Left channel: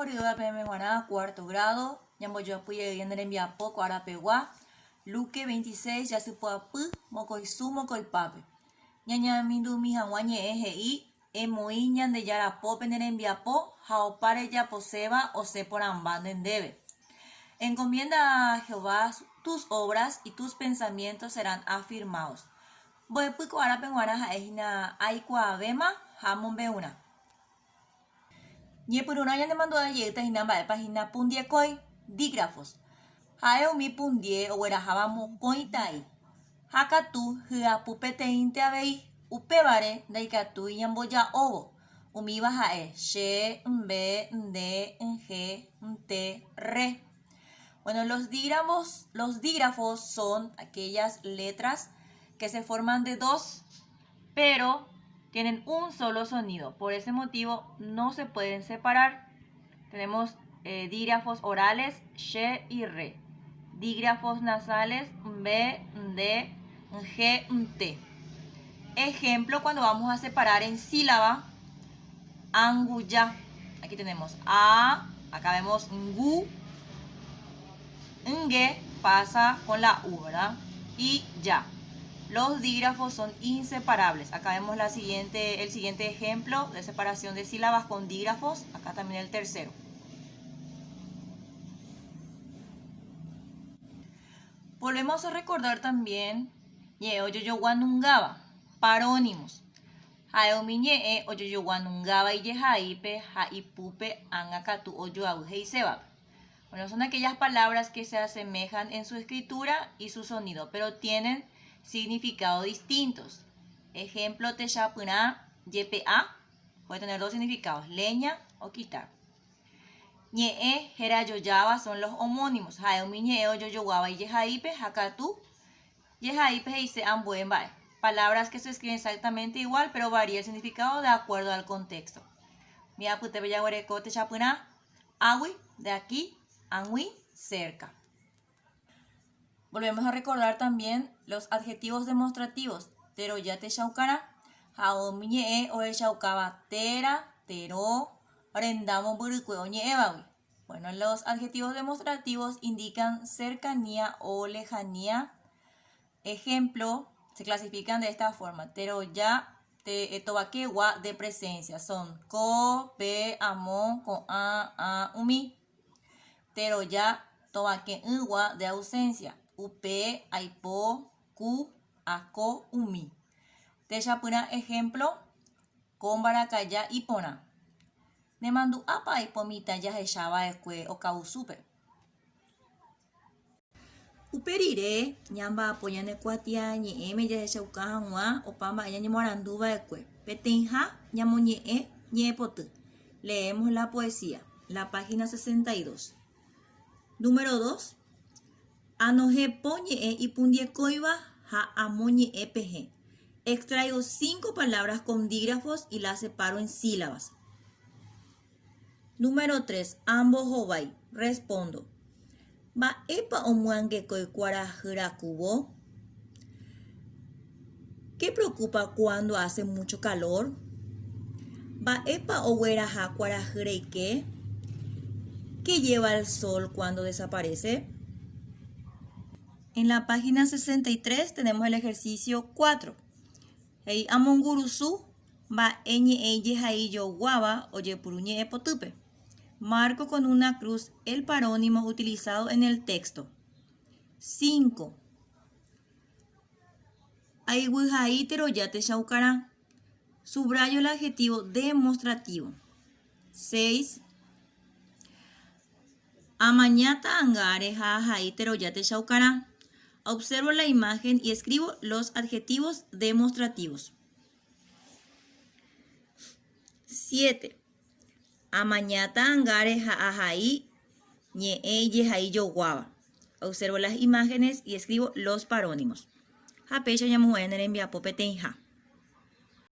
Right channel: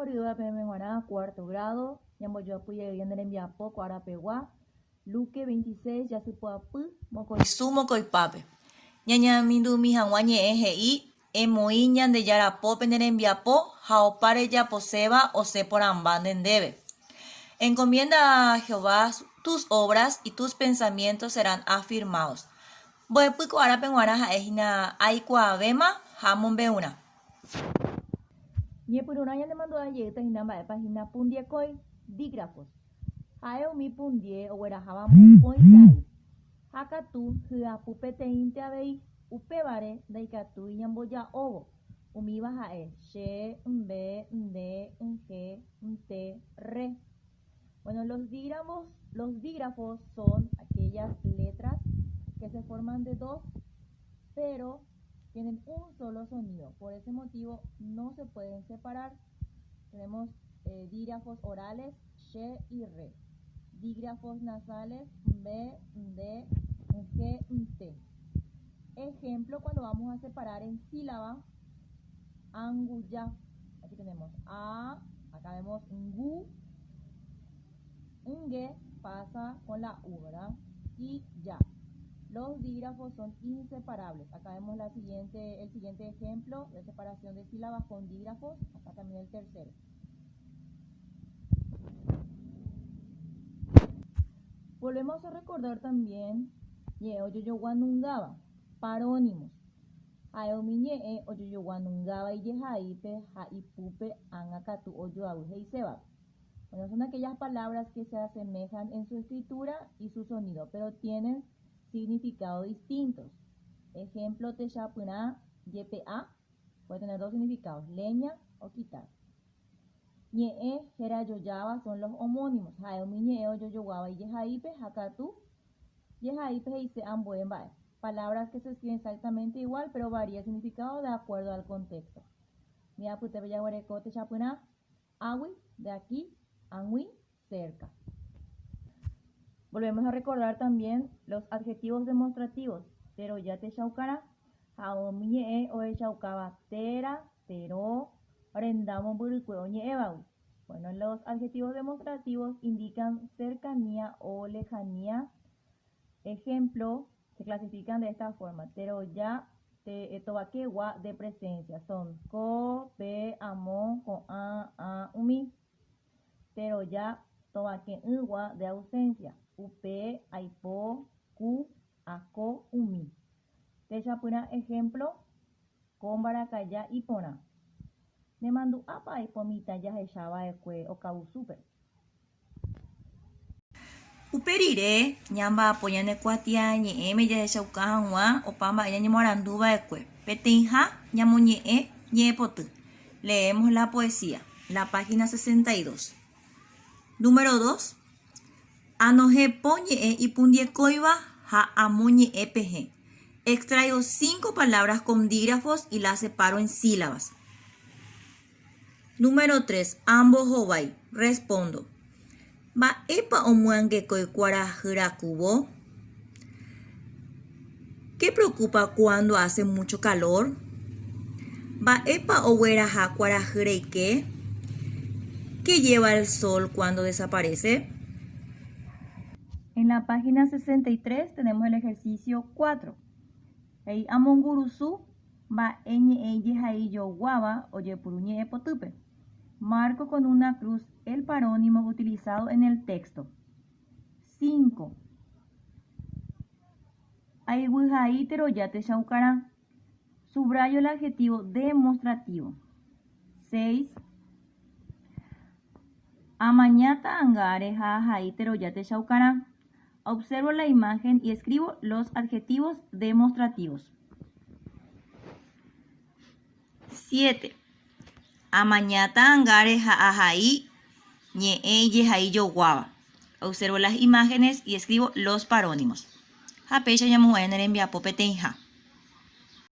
Jorioda Pemeguaná, cuarto grado. Yamboyoapuye Yanderembia Poco Arapegua. Luque 26, Yasupuapu, Mocoisu, Mocoipape. Ñaña Mindu Mijanguañe EGI, Emoiñan de Yarapope Nerembiapo, Jaopare Yaposeba, Ose por Ambanden debe. Encomienda a Jehová tus obras y tus pensamientos serán afirmados. Boepuco Arapenguana Ejina Aikua Bema, Hamon Beuna. Yepuruna ya demandó a Yeta Hinamba de página Pundiekoi, dígrafos. Haeo mi pundie o werajaba mukoitai. Hakatu hiapupete inte abei upebare daikatu yamboya obo. Umiba hae she mbe nde nge nte re. Bueno, los dígrafos son aquellas letras que se forman de dos, pero tienen un solo sonido. Por ese motivo no se pueden separar. Tenemos dígrafos orales, she y re. Dígrafos nasales, be, de, nge, nte. Ejemplo, cuando vamos a separar en sílaba, anguya. Aquí tenemos a, acá vemos ngu, nge pasa con la u, ¿verdad? Y ya. Los dígrafos son inseparables. Acá vemos el siguiente ejemplo de separación de sílabas con dígrafos. Acá también el tercero. Volvemos a recordar también Yeoyoyoguanungaba, parónimos. Haeomiñe Oyoyoguanungaba y Yehaipe, Haipupe, Angakatu, Oyoauje y Sebab. Bueno, son aquellas palabras que se asemejan en su escritura y su sonido, pero tienen significados distintos. Ejemplo, Techapuna, YPA, puede tener dos significados, leña o quitar. Ñe, Jerayoyaba son los homónimos. Haeumi, Ñeo, Yoyoguaba y Yehaipe, Hakatu, Yehaipe y Seambuembae. Palabras que se escriben exactamente igual, pero varía el significado de acuerdo al contexto. Miapute, Bellaguareco, Techapuna, Awi, de aquí, Angui, cerca. Volvemos a recordar también los adjetivos demostrativos. Teroyate Shaucara, Haomiñe o Shaukaba, Tera, Tero, Rendamo Burucue, Ebawi. Bueno, los adjetivos demostrativos indican cercanía o lejanía. Ejemplo, se clasifican de esta forma. Teroya, Tobaquegua de presencia. Son ko, pe, amo, ko, a, umi. Teroya, Tobaquegua de ausencia. Upe, aipo, ku, ako, umi. Techapuna, ejemplo, Kombarakaya y pona. Nemandu apa ipomita ya hechaba esque o causupe. Uperire, ñamba apoyane cuatia ñeeme ya hecha ucajanwa o pamba ella ñemoranduba esque. Petenja, ñamoñe, ñepotu. Leemos la poesía, la página 62. Número 2. Anoje poñe y pundiecoiba ja amoñe pg. Extraigo 5 palabras con dígrafos y las separo en sílabas. Número 3. Ambos hobai. Respondo. Ba epa omuangue koikwara kubo. ¿Qué preocupa cuando hace mucho calor? Ba epa owera hakwara qué. ¿Qué lleva el sol cuando desaparece? En la página 63 tenemos el ejercicio 4. Hey, amongurusu ba eñe eye jaiyo guaba oye puruñe epotupe. Marco con una cruz el parónimo utilizado en el texto. 5. Aiwijaitero yate shaukará. Subrayo el adjetivo demostrativo. 6. Amañata angare jajaitero yate shaukará. Observo la imagen y escribo los adjetivos demostrativos. 7. Amañata angare jaajai ñee yejai yo guava. Observo las imágenes y escribo los parónimos. Japecha yamuener envia popetenja.